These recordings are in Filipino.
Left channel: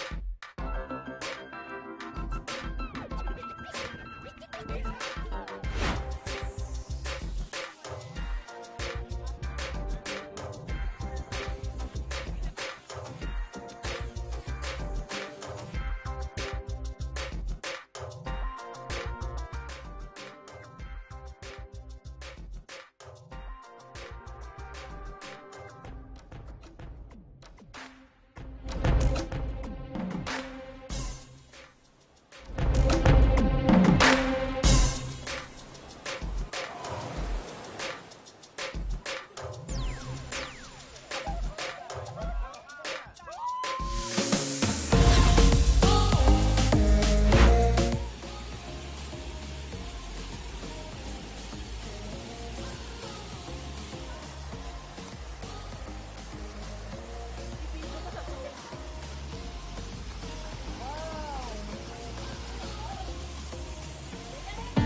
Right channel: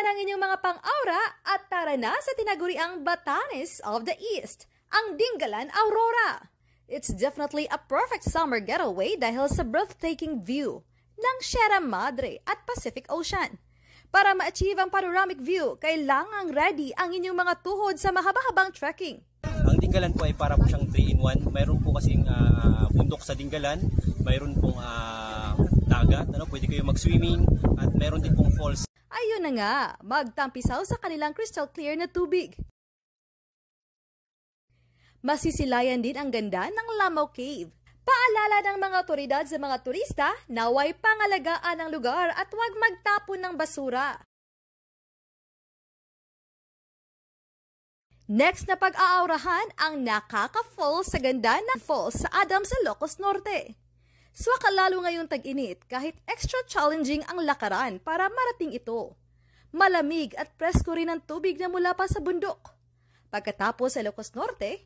Dagdagan ang inyong mga pang-aura at tara na sa tinaguriang Batanes of the East, ang Dingalan Aurora. It's definitely a perfect summer getaway dahil sa breathtaking view ng Sierra Madre at Pacific Ocean. Para ma-achieve ang panoramic view, kailangang ready ang inyong mga tuhod sa mahaba-habang trekking. Ang Dingalan po ay para po siyang 3-in-1. Mayroon po kasing bundok sa Dingalan, mayroon pong dagat, pwede kayo mag-swimming, at mayroon din pong falls. Ayun na nga, magkampisaw sa kanilang crystal clear na tubig. Masisilayan din ang ganda ng Lamau Cave. Paalala ng mga otoridad sa mga turista, naway pangalagaan ang lugar at huwag magtapon ng basura. Next na pag-aaurahan ang nakaka-falls sa ganda ng falls sa Adams sa Ilocos Norte. Swaka lalo ngayong tag-init kahit extra challenging ang lakaran para marating ito. Malamig at presko rin ang tubig na mula pa sa bundok. Pagkatapos sa Ilocos Norte,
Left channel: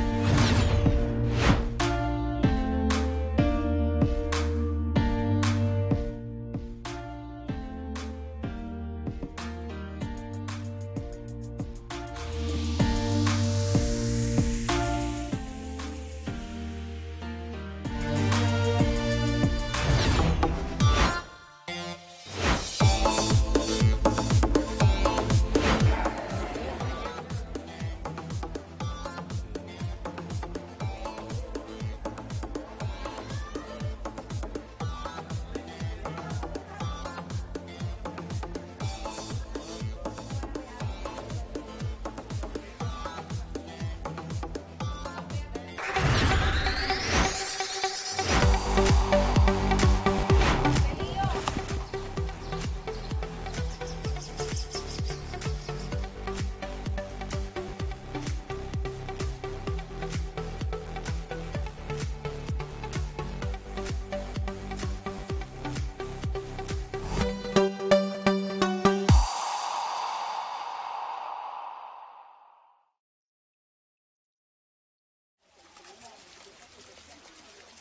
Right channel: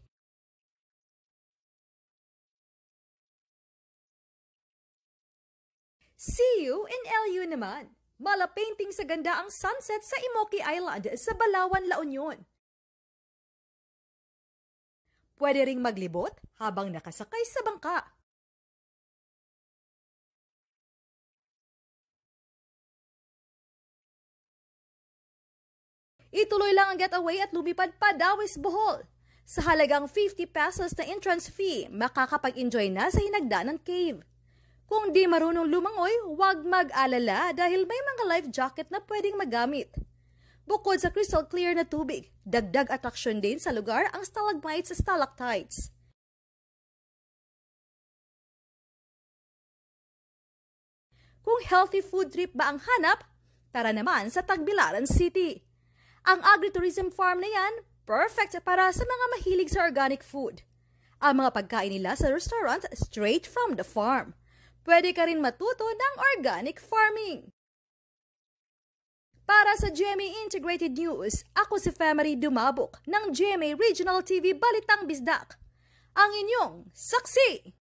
see you in LU naman. Malapainting sa ganda ang sunset sa Imoki Island sa Balawan, La Union. Pwede ring maglibot habang nakasakay sa bangka. Ituloy lang ang getaway at lumipad pa Dawis, Bohol. Sa halagang 50 pesos na entrance fee, makakapag-enjoy na sa hinagdanang cave. Kung di marunong lumangoy, huwag mag-alala dahil may mga life jacket na pwedeng magamit. Bukod sa crystal clear na tubig, dagdag atraksyon din sa lugar ang stalagmites at stalactites. Kung healthy food trip ba ang hanap, tara naman sa Tagbilaran City. Ang agritourism farm na yan, perfect para sa mga mahilig sa organic food. Ang mga pagkain nila sa restaurant straight from the farm. Pwede ka rin matuto ng organic farming. Para sa GMA Integrated News, ako si Femery Dumabok ng GMA Regional TV Balitang Bisdak. Ang inyong saksi!